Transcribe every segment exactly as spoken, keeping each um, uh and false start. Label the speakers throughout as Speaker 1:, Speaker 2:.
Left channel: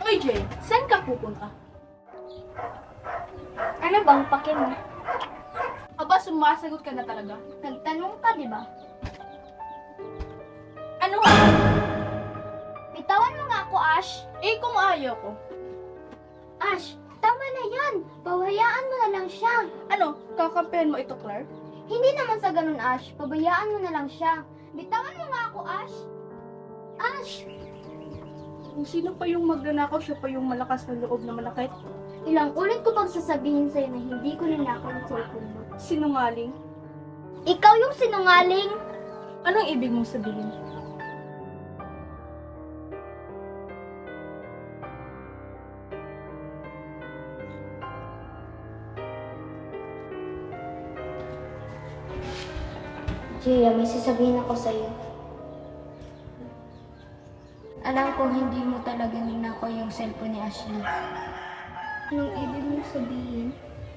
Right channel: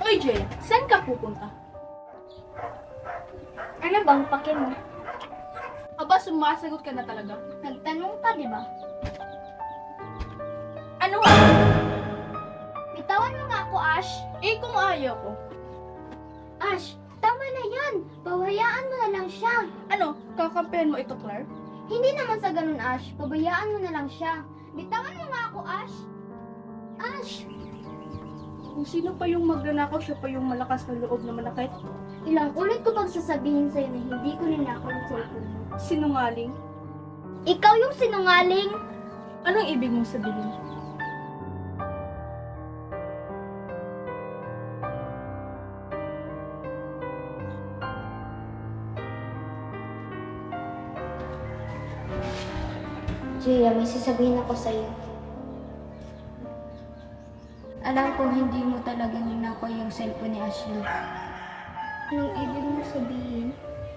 Speaker 1: Oy, Jay, saan ka pupunta?
Speaker 2: Ano bang pake mo?
Speaker 1: Aba, sumasagot ka na talaga.
Speaker 2: Nagtanong ka, di ba?
Speaker 1: Ano nga?
Speaker 2: Bitawan mo nga ako, Ash.
Speaker 1: Eh, kung ayaw ko.
Speaker 2: Ash, tama na yan. Pawayaan mo na lang siya.
Speaker 1: Ano, kakampihan mo ito, Claire?
Speaker 2: Hindi naman sa ganun, Ash. Pabayaan mo na lang siya. Bitawan mo nga ako, Ash. Ash!
Speaker 1: Kung sino pa yung magnanakaw, siya pa yung malakas na loob na manakit.
Speaker 2: Ilang ulit ko pag sasabihin sa'yo na hindi ko ninakaw yung cellphone mo.
Speaker 1: Sinungaling?
Speaker 2: Ikaw yung sinungaling.
Speaker 1: Anong ibig mong sabihin?
Speaker 2: Gia, may sasabihin ako sa'yo. Alam ko hindi mo talaga ninakaw yung cellphone ni Ashley. Anong ibig mong sabihin?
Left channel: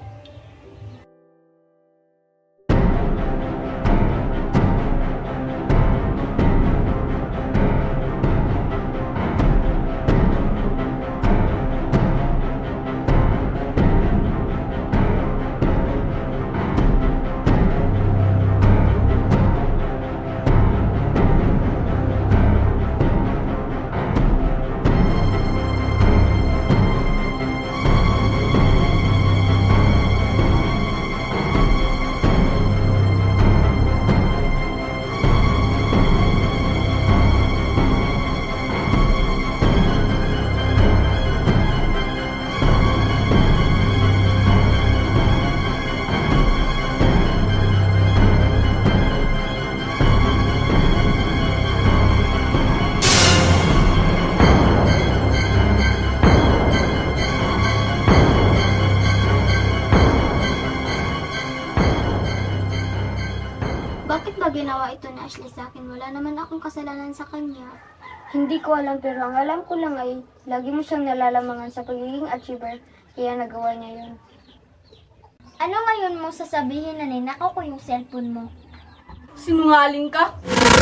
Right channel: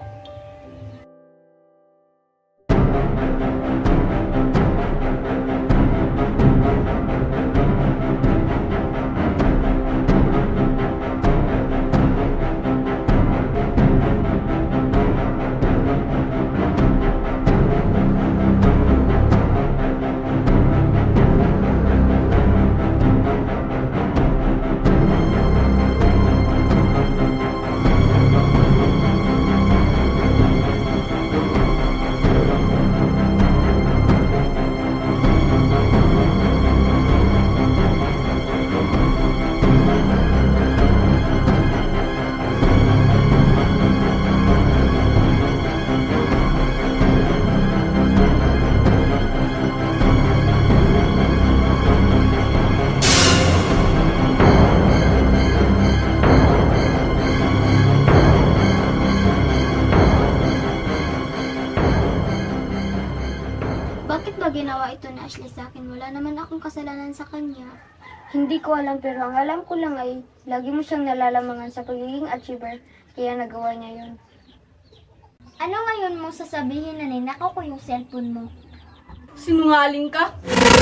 Speaker 2: Bakit ba ginawa ito ni Ashley sa akin? Wala naman akong kasalanan sa kanya. Hindi ko alam, pero ang alam ko lang ay lagi mo siyang nalalamangan sa pagiging achiever, kaya nagawa niya yun. Ano ngayon mo sasabihin na ninakaw ko yung cellphone mo?
Speaker 1: Sinungaling ka?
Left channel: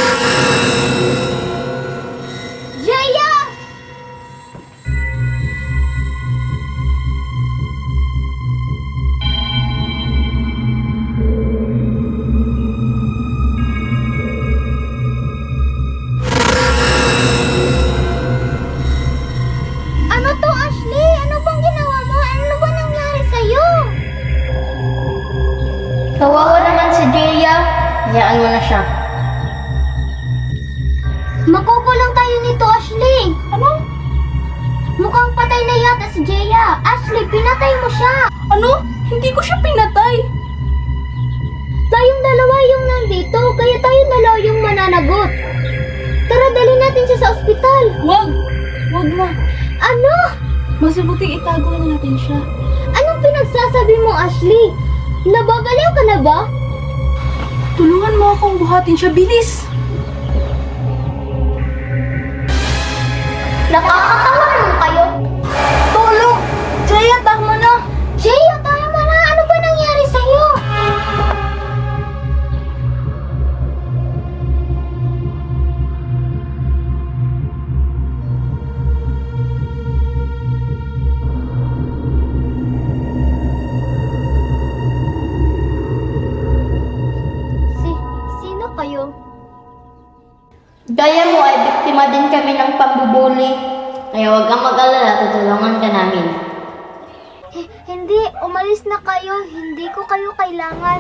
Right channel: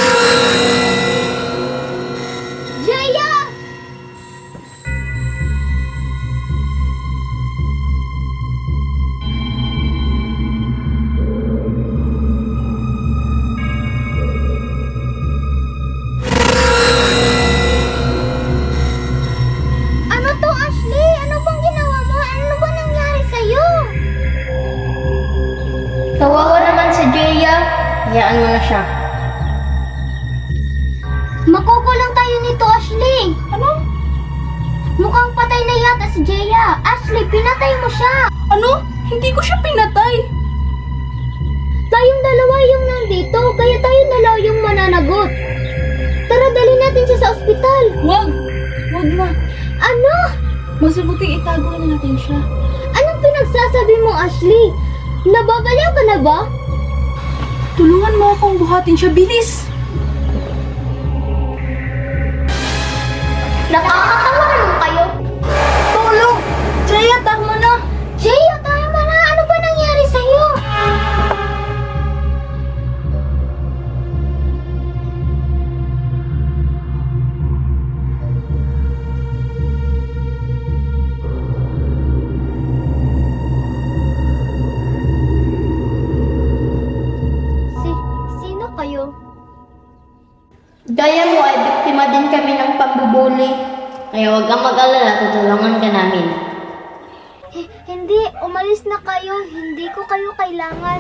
Speaker 2: Jaya! Ano to, Ashley? Ano bang ginawa mo? Ano ba nangyari sa'yo?
Speaker 3: Kawawa naman si Jaya. Hayaan mo na siya.
Speaker 2: Makukulang tayo nito, Ashley.
Speaker 1: Ano?
Speaker 2: Mukhang patay na yata si Jaya. Ashley, pinatay mo siya.
Speaker 1: Ano? Hindi ko siya pinatay.
Speaker 2: Tayong dalawa yung nandito, kaya tayo dalawa yung mananagot. Tara, dali natin siya sa ospital.
Speaker 1: Wag! Wag na.
Speaker 2: Ano?
Speaker 1: Mas mabuting itago na natin siya.
Speaker 2: Anong pinagsasabi mo, Ashley? Nababaliw ka na ba?
Speaker 1: Tulungan mo akong buhatin siya. Bilis!
Speaker 2: Nakakatawa naman kayo.
Speaker 1: Tulong! Jaya, tama na!
Speaker 2: Jaya, tama na. Ano ba nangyari sa'yo? Si, sino kayo?
Speaker 3: Gaya mo ay biktima din kami ng pambubuli. Kaya huwag kang mag-alala, tutulungan ka namin.
Speaker 2: H- hindi, umalis na kayo. Hindi ko kayo kailangan.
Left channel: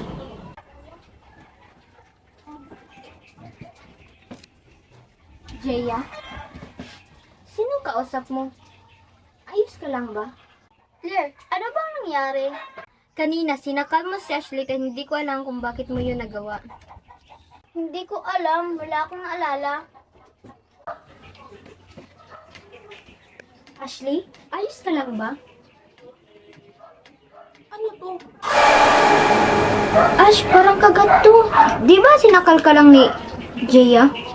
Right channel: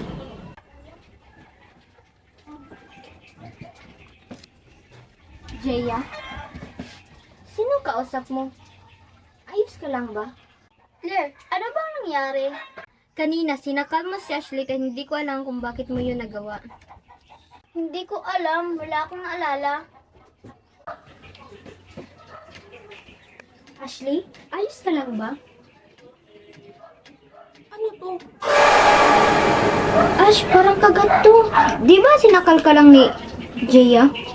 Speaker 2: Jaya? Sino kausap mo? Ayos ka lang ba? Claire, ano bang nangyari? Kanina, sinakal mo si Ashley kaya hindi ko alam kung bakit mo yun nagawa. Hindi ko alam. Wala akong naalala. Ashley, ayos ka lang ba?
Speaker 1: Ano to?
Speaker 2: Ash, parang kagat to. Di ba sinakal ka lang ni Jaya?